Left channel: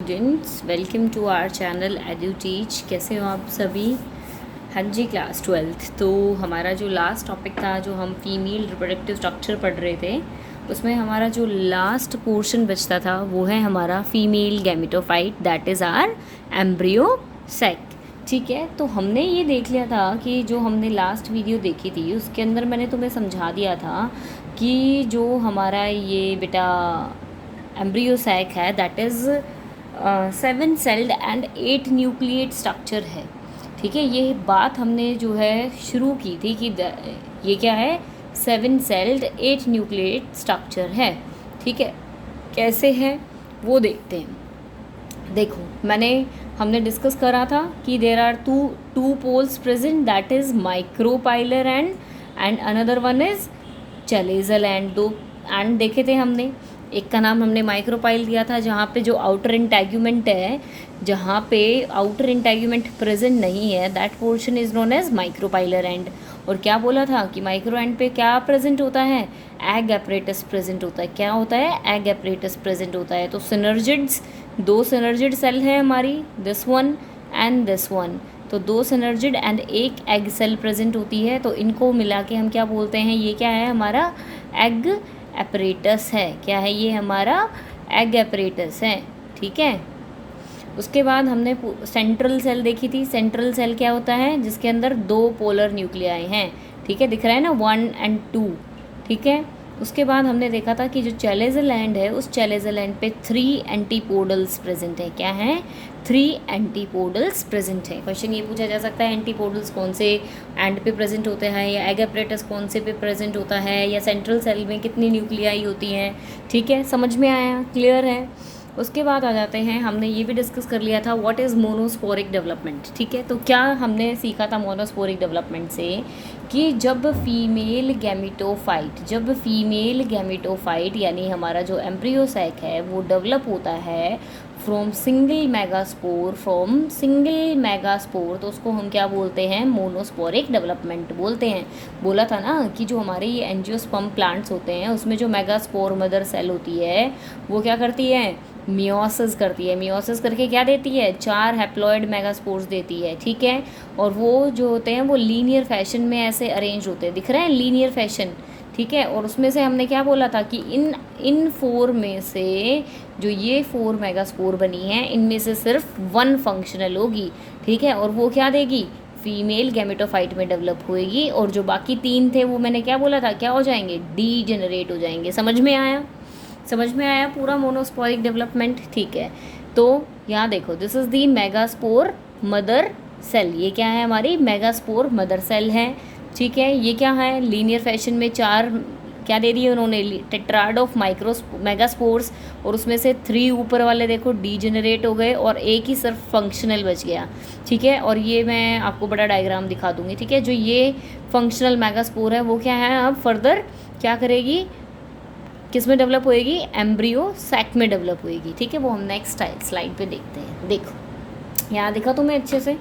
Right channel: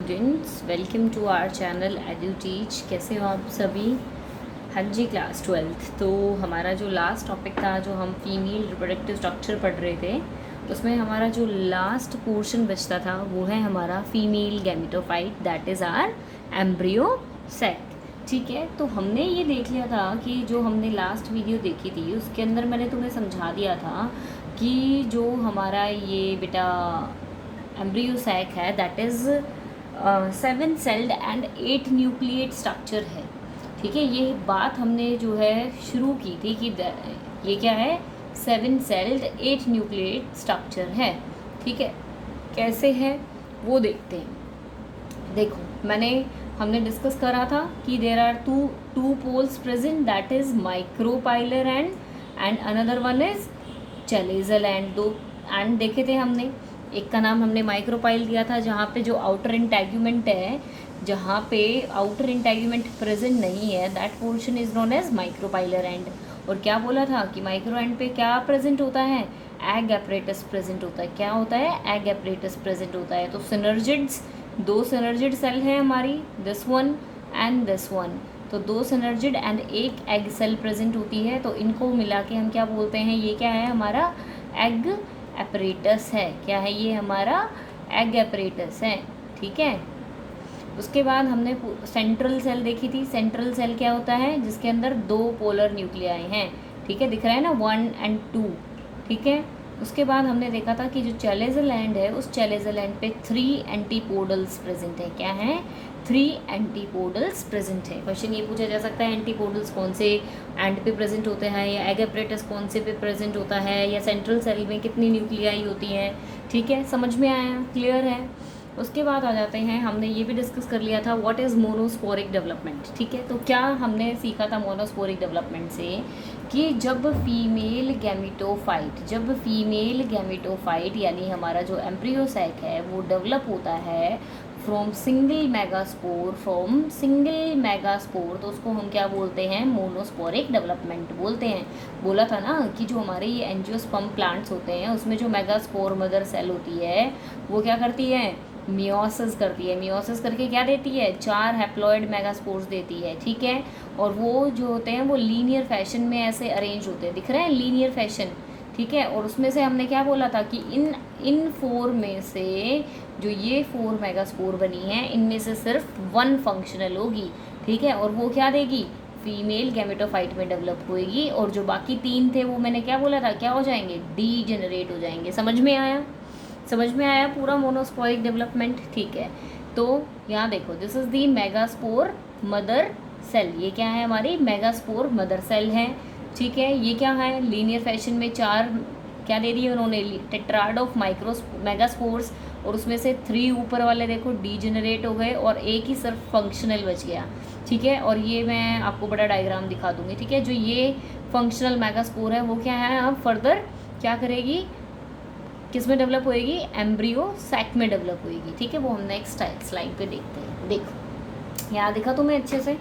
Students, welcome to our channel Edu Teach. कैसे हो आप सभी? हाँ जी, क्लास 12th। तो हमारा जो लास्ट टॉपिक था, जो हम फीमेल रिप्रोडक्टिव स्ट्रक्चर पढ़ रहे थे, उसमें हमारा जो लास्ट पोर्शन बचता था वो है हमारा female gametophyte, that is our embryo sac. ठीक है, तो हमने ये देख लिया था कि जो हमने लास्ट वीडियो देखी थी उसके अंदर मैंने तुम्हें समझा दिया था कि जो हमारा ये बेटा एम्ब्रियो सैक है that is 7 celled and 8 nucleate structure है। ठीक है, ये बात हमने जो है शुरू की थी कि ये क्या है, 7 सेल्ड 8 न्यूक्लिएट स्ट्रक्चर है। ठीक है, कैसे है वो देखते हैं। देखो, हमने डिस्कस करा था कि there are two poles present, that is micropylar and another one is chalazal end. दो एंड देखे थे हमने। एक का नाम हमने माइक्रोपाइल दिया था जहाँ पे जो आउटर इंटेग्यूमेंट है, जहाँ पे आउटर इंटेग्यूमेंट प्रेजेंट नहीं है, that portion is known as micropylar end. और क्या बोला था कि माइक्रो एंड पे क्या प्रेजेंट होता है, एग एपरेटस प्रेजेंट होता है। क्या होता है, एग एपरेटस प्रेजेंट होता है। तो सिनर्जिड्स, दो सिनर्जिड सेल है हमारी, this one and this one. तो दो सिनर्जिड एंड एक एग सेल प्रेजेंट होती है। तो इनको मिला के हम क्या बोलते हैं, ये क्या है, हमारा एग एपरेटस है। क्या है ये, हमारा एग एपरेटस है। ठीक है, उसके बाद हमने सेंट्रल सेल देखी थी। सेंट्रल सेल क्या होता है, जिसके अंदर दो पोलर न्यूक्लियाई हैं। ठीक है, दिख रहा है ना, 1 and 2। ठीक है, उसके बाद हमने देखा था कि जो चैलेजल एंड है, उस चैलेजल एंड पे 3 एंटीपोडल्स प्रेजेंट है। क्या है, 3 एंटीपोडल्स प्रेजेंट है। क्वेश्चन ये पूछा जा सकता है, एंटीपोडल्स कौन से एंड पे प्रेजेंट होते हैं, या एग एपरेटस कौन से पे प्रेजेंट होता है, या सेंट्रल सेल में कितनी न्यूक्लियाई होती हैं। ठीक है, समझ में आया, क्लियर है। उसके बाद आ जाते हैं, हमने ये भी डिस्कस कर लिया था व्हाट इज़ मोनोस्पोरिक डेवलपमेंट। ठीक है, तो क्या हमने सीखा था मोनोस्पोरिक डेवलपमेंट से कि जब फीमेल गैमेटोफाइट यानी हमारा जो एम्ब्रियो सैक है वो डेवलप होता है फ्रॉम सिंगल मेगास्पोर, तो उसको हम क्या बोलते हैं, मोनोस्पोरिक डेवलपमेंट बोलते हैं। बोला था ना कि जो हमारे ये एंजियोस्पर्म प्लांट्स होते हैं उसमें जो मेगास्पोर मदर सेल होती है वो क्या करती है, मियोसिस करती है। मियोसिस करके क्या देती है, 4 हैप्लॉइड मेगास्पोर्स देती है। ठीक है, और वो जो होते हैं वो लीनियर फैशन में ऐसे अरेंज होते हैं, दिख रहे हैं, लीनियर फैशन। ठीक है, और उसमें से हमने क्या बोला था कि इन 4 में से जो ये 4 मेगास्पोर बनी है, इनमें से सिर्फ 1 फंक्शनल होगी। ठीक है, और वो क्या देगी, फीमेल गैमेटोफाइट में डेवलप होएगी, और जो बाकी 3 थे वो मैंने क्या बोला था, क्या हो जाएंगे, डीजेनरेट हो जाएंगे। समझ में आया पूरा मोनोस्पोरिक डेवलपमेंट। ठीक है, तो यहाँ देखो, this is the megaspore mother cell. ये क्या है, हमारी मेगास्पोर मदर सेल है। ठीक है, ये क्या है, लीनियर फैशन में 4 क्या दे दिए उन्होंने, टेट्राड ऑफ मेगास्पोर्स, और उसमें से 3 ऊपर वाले देखो डीजेनरेट हो गए और एक ही सिर्फ फंक्शनल बच गया। ठीक है, और ये मैं आपको बड़ा डायग्राम दिखा दूंगी। ठीक है, जो ये फंक्शनल मेगास्पोर है वो क्या है, अब फर्दर क्या करेगी, किस में डेवलप होएगी, एम्ब्रियो सैक में डेवलप होएगी। ठीक है, वो हम नेक्स्ट स्लाइड पे देखते हैं। देखो, यहाँ देखा तुम्हें अच्छे से,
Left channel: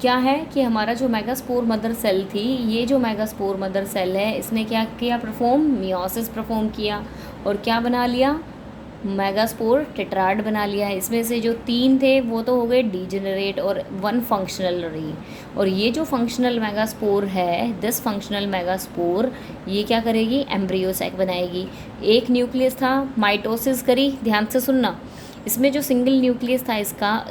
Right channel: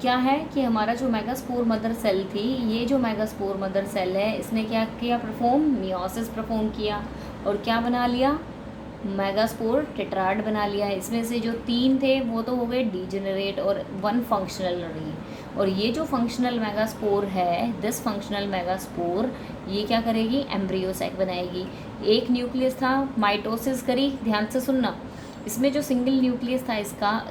क्या है कि हमारा जो मेगास्पोर मदर सेल थी, ये जो मेगास्पोर मदर सेल है, इसने क्या किया, मियोसिस परफॉर्म किया, और क्या बना लिया, मेगास्पोर टेट्राड बना लिया है। इसमें से जो 3 थे वो तो हो गए डीजेनरेट और 1 फंक्शनल रही। और ये जो फंक्शनल मेगास्पोर है, दिस फंक्शनल मेगास्पोर, ये क्या करेगी, एम्ब्रियो सैक बनाएगी। एक न्यूक्लियस था, माइटोसिस करी, ध्यान से सुनना, इसमें जो सिंगल न्यूक्लियस था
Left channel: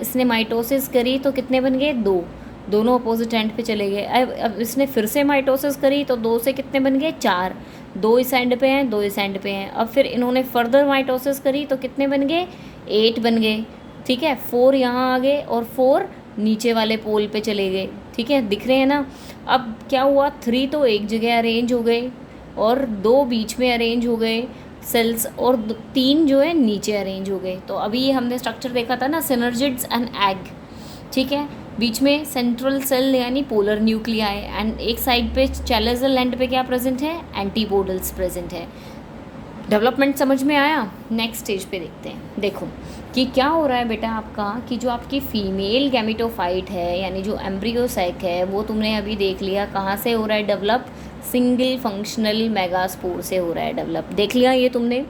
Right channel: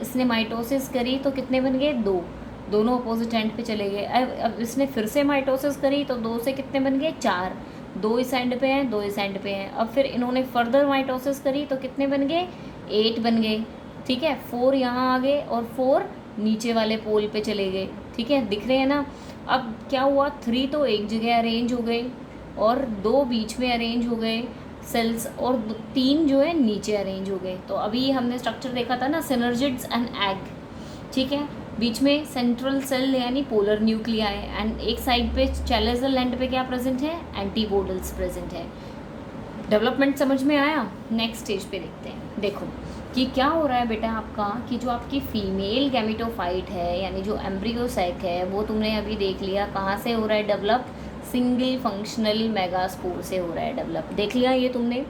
इसने माइटोसिस करी तो कितने बन गए, 2, दोनों अपोजिट एंड पे चले गए। अब इसने फिर से माइटोसिस करी तो 2 से कितने बन गए, 4, 2 इस एंड पे हैं, 2 इस एंड पे हैं। अब फिर इन्होंने फर्दर माइटोसिस करी तो कितने बन गए, 8 बन गए। ठीक है, 4 यहाँ आ गए और 4 नीचे वाले पोल पे चले गए। ठीक है, दिख रहे हैं ना। अब क्या हुआ, 3 तो एक जगह अरेंज हो गए और 2 बीच में अरेंज हो गए सेल्स, और 3 जो है नीचे अरेंज हो गए। तो अभी हमने स्ट्रक्चर देखा था ना, सिनर्जिड्स एंड एग। ठीक है, बीच में सेंट्रल सेल यानी पोलर न्यूक्लियाई, एंड एक साइड पे चैलेजल एंड पे क्या प्रेजेंट है, एंटीपोडल्स प्रेजेंट है। डेवलपमेंट समझ में आया। नेक्स्ट स्टेज पे देखते हैं। देखो कि क्या हो रहा है बेटा आपका, कि जो आपकी फीमेल गैमेटोफाइट है यानी जो एम्ब्रियो सैक है, वो तुमने अभी देख लिया कहाँ से हो रहा है डेवलप, सिंगल फंक्शनल मेगास्पोर से हो रहा है डेवलप, देख लिया ये तुमने।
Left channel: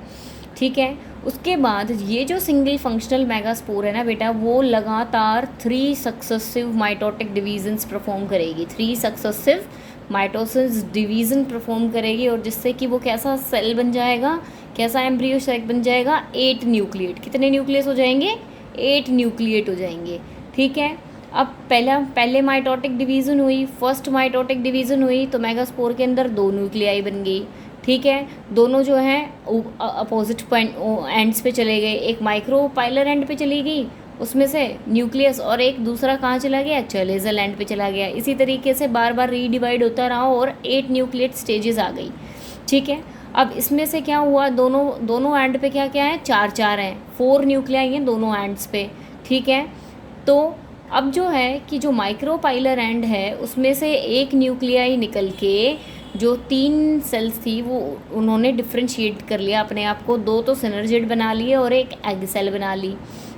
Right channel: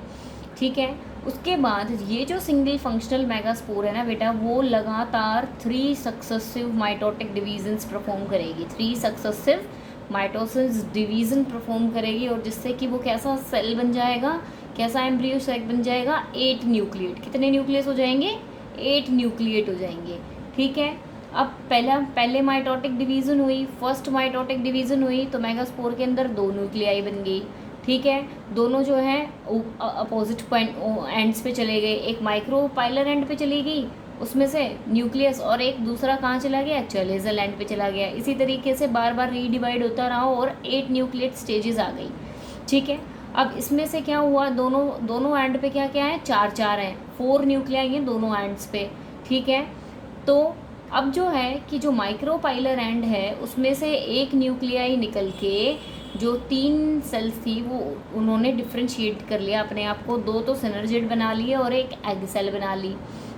ठीक है, उसके बाद ये जो सिंगल फंक्शनल मेगास्पोर है ना बेटा, वो लगातार 3 सक्सेसिव माइटोटिक डिवीजन्स परफॉर्म करेगी, 3 सक्सेसिव माइटोसिस डिवीज़न परफॉर्म करेगी, और जिससे कि वो कैसा सेल बन जाएगा, कैसा एम्ब्रियो सेल बन जाएगा, 8 न्यूक्लिएट। कितने न्यूक्लियस हो जाएंगे? 8 न्यूक्लिएट हो जाएंगे। ठीक है, अब पहले माइटोटिक डिवीज़न हुई, फर्स्ट माइटोटिक डिवीज़न हुई तो मेगास्पोर के अंदर 2 न्यूक्लियाई बन गई। ठीक है, दोनों जो है अपोजिट एंड्स पे चले गए, एक माइक्रोपाइलर एंड पे चली गई उसमें से न्यूक्लियस, और एक दूसरा कहाँ चला गया? चलेजल एंड पे चला गया। इसी तरीके से बार बार रीडिवाइड होता रहा और 8 न्यूक्लिएट स्टेजेस आ गई। ठीक है, अब इसमें से क्या हुआ, दोनों एंड पे क्या क्या है? 4 हैं, 4 न्यूक्लियाई हैं दोनों एंड्स पे। ठीक है, तो अब जो है कि जो माइक्रोपाइलर एंड है उसमें से एक न्यूक्लियाई निकल के जो 3 सेल्स थी वो उन्होंने डिफ्रेंशिएट कर लिया अपने आप को, 2 तो सिनर्जिड बना लिए और एक एग सेल बना ली।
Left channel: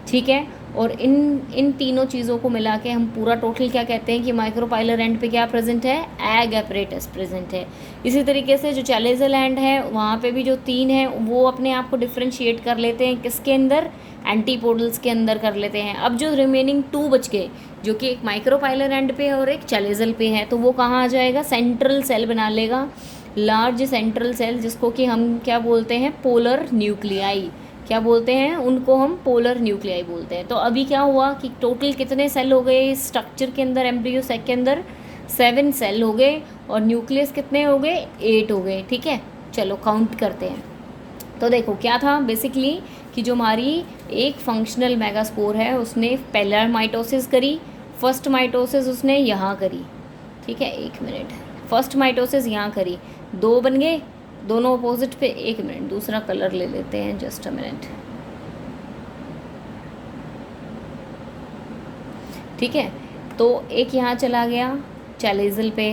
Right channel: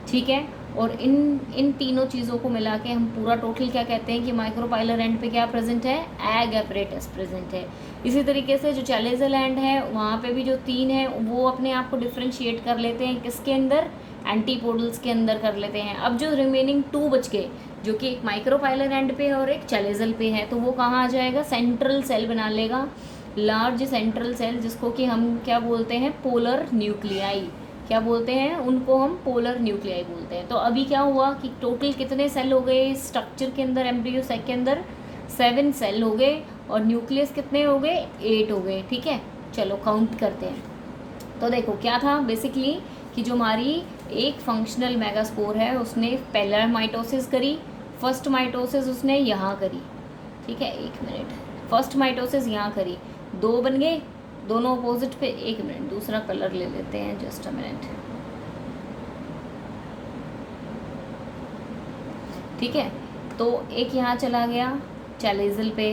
ठीक है, और इन तीनों चीज़ों को मिला के हम पूरा टोटल क्या कहते हैं कि माइक्रोपाइलर एंड पे क्या प्रेजेंट है? एग एपरेटस प्रेजेंट है। इसी तरीके से जो चैलेजल एंड है वहाँ पे भी जो 3 है वो अपने आप को डिफ्रेंशिएट कर लेते हैं, किसके अंदर? एंटीपोडल्स के अंदर कर लेते हैं। अब जो रिमेनिंग 2 बच गए, जो कि एक माइक्रोपाइलर एंड पे और एक चैलेजल पे है, तो वो कहाँ आ जाएगा? सेंट्रल सेल बना लेगा, लार्ज सेंट्रल सेल, जिसको कि हम क्या बोलते हैं? Polar nuclei. क्या बोलते हैं उनको? हम पोलर न्यूक्लियाई बोलते हैं। तो अभी क्या हुआ कि टोटल कितने सेल हो गए स्ट्रक्चर के अंदर, एम्ब्रियो सेक के अंदर? 7 सेल हो गए, और न्यूक्लियस कितने हो गए? 8 हो गए। ठीक है, चलो काउंट करते हैं। तो देखो क्या था बेसिकली कि जो हमारी एक फंक्शनल मेगास्पोर है उसने पहला माइटोसिस करी, फर्स्ट माइटोसिस उसने यहाँ करी। ठीक है, 1 मिनट, फर्स्ट माइटोसिस यहाँ करी, 2 बन गए दोनों अपोजिट पे। 1 मिनट, दूसरा कलर ले लेते हैं, जस्ट अ मिनट। ठीक है, तो एक यहाँ चला गया चैलेजल पे,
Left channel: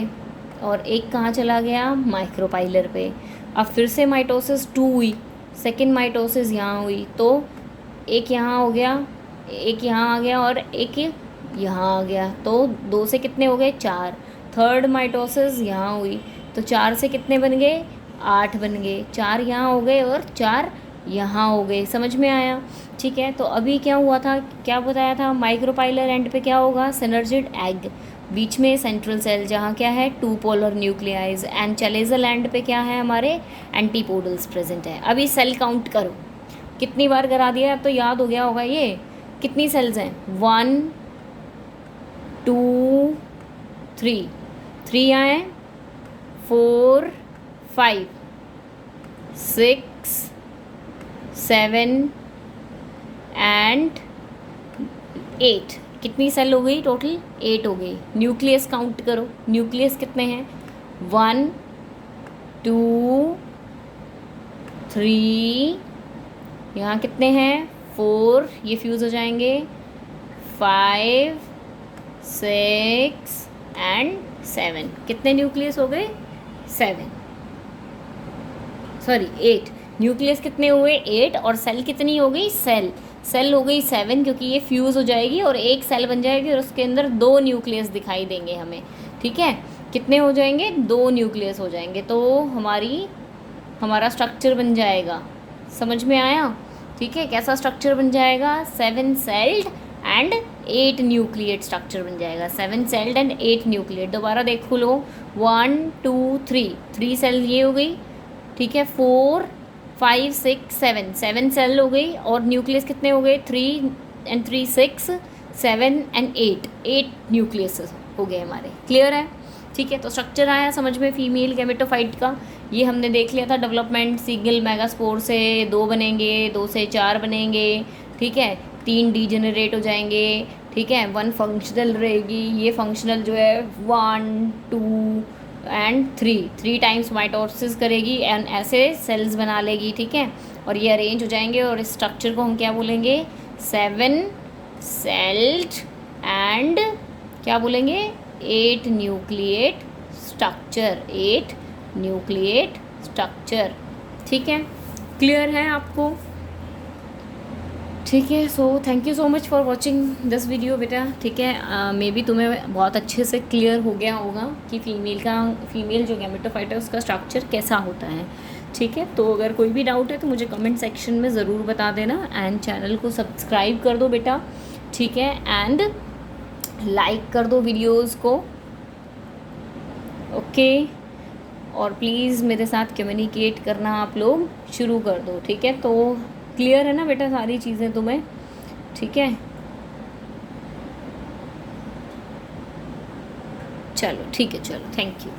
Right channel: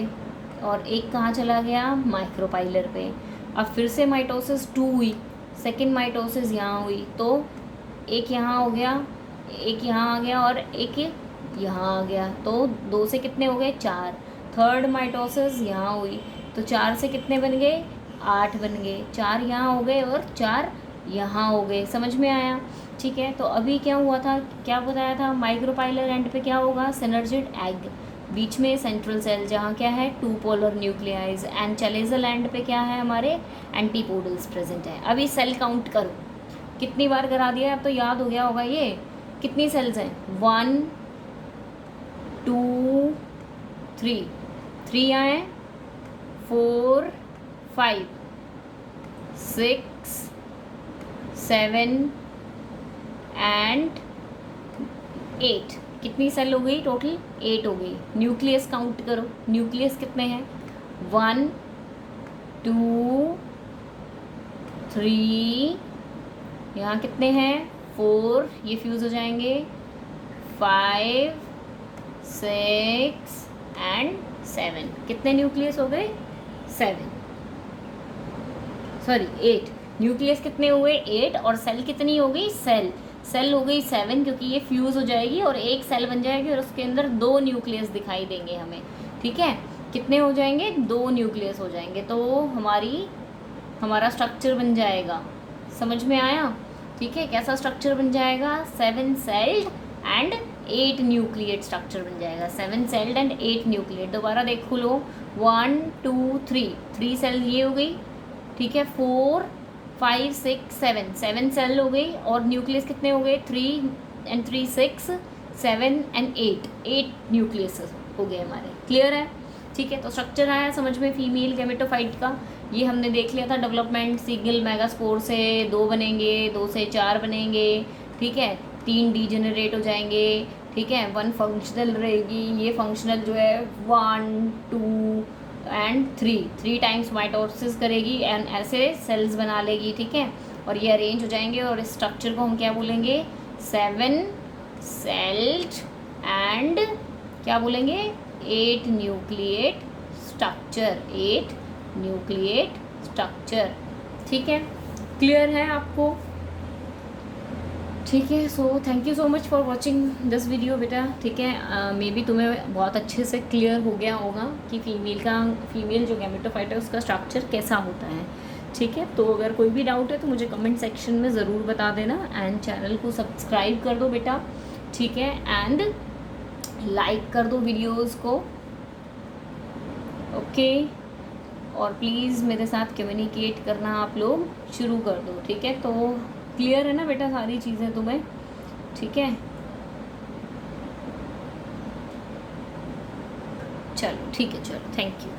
और एक कहाँ चला गया? माइक्रोपाइलर पे। अब फिर से माइटोसिस 2 हुई, सेकेंड माइटोसिस यहाँ हुई, तो एक यहाँ हो गया, एक यहाँ आ गया और एक यहाँ आ गया, तो 2 से कितने हो गए? 4। थर्ड माइटोसिस यहाँ हुई, तो 4 से कितने बन गए? 8 बन गए। 4 यहाँ हो गए और 4 यहाँ हो गए। समझ में आया? ठीक है, तो अभी क्या हुआ था, क्या बताया था? माइक्रोपाइलर एंड पे क्या होगा? सिनर्जिड एग, बीच में सेंट्रल सेल जहाँ क्या है? 2 पोलर न्यूक्लियाइज, एंड चैलेजल एंड पे क्या है? हमारे एंटीपोडल्स प्रेजेंट है। अभी सेल काउंट करो, कितनी बार करा दिया, अब तो याद हो गया होगा ये। कितनी सेल्स हैं? 1 2 3 यहाँ हैं, 4 5 6 7 एंड 8। कितनी सेल हो गई टोटल? 8 हो गई। न्यूक्लियस काउंट करो, न्यूक्लियस कितने हैं? 1 2 3, यहाँ कितने हैं? 4, ये फ्यूज़ हो जाएंगे, 5 6 एंड 7। कितने न्यूक्लियस हो गए? 7, सॉरी 8। न्यूक्लियस कितने हुए? 8, और सेल कितनी हो गई? सेल हो गई 7, क्योंकि ये फ्यूज़ हो जाएगी और एक सेल बन जाएगी और उसके अंदर 2 न्यूक्लियस दिखाई देंगे हमें। ठीक है, कितने हो जाएंगे? 2 न्यूक्लियस हो जाएंगे, तो हमारा स्ट्रक्चर बन जाएगा। समझ में आया? ठीक है, कैसा स्ट्रक्चर बन जाएगा? 7 सेल्ड एंड 8 न्यूक्लिएट स्ट्रक्चर बन जाएगा। 7 सेल्ड एंड 8 न्यूक्लिएट। दोबारा देखो लो, 1 2 3 सेल ये हो गई। ठीक है, 4 5 6 7 सेल हो गई, और न्यूक्लियस कितने हो गए? 3 एंड 3 6 7 एंड 8 न्यूक्लियस हो गए हमारे। क्लियर है? ठीक है, तो स्ट्रक्चर आया समझ में फीमेल गैमेटोफाइट का। ये हमने देख लिया था डेवलपमेंट। सिंगल मेगास्पोर से 2 बनेंगे, 2 से 4 बनेंगे। ठीक है, 3 डीजेनरेट हो जाएंगे। ठीक है, 1 फंक्शनल रहेगी। ये फंक्शनल जो है 1 2 एंड 3 टाइम्स माइटोसिस करेगी एंड ऐसे सेल्स बना लेगी। ठीक है, और ये अरेंज हो जाएंगे, और इस स्ट्रक्चर को हम क्या बोलेंगे? 7 सेल्ड एंड क्या बोलेंगे? 8 न्यूक्लिएट स्ट्रक्चर। 8 nucleate structure. ठीक है, क्लियर है आपको? ठीक है, so thank you so much for watching this video बेटा। ठीक है, मे बी तुम्हें बहुत अच्छे से क्लियर हो गया होगा कि फीमेल जो गैमेटोफाइट है उसका स्ट्रक्चर कैसा होता है। ठीक है, तो अगर कोई भी डाउट है तो मुझे कमेंट सेक्शन में ज़रूर बता देना, एंड चैनल को सब्सक्राइब कर दो बेटा, ठीक है, एंड लाइक कर दो वीडियोस को, ओके। और प्लीज़ मेरे साथ कम्युनिकेट करना आप लोग शुरू कर दो, ठीक है। तो क्लियर है ना बेटा सारी चीज़ें तुम्हें, ठीक है। चलो ठीक है, चलो थैंक यू।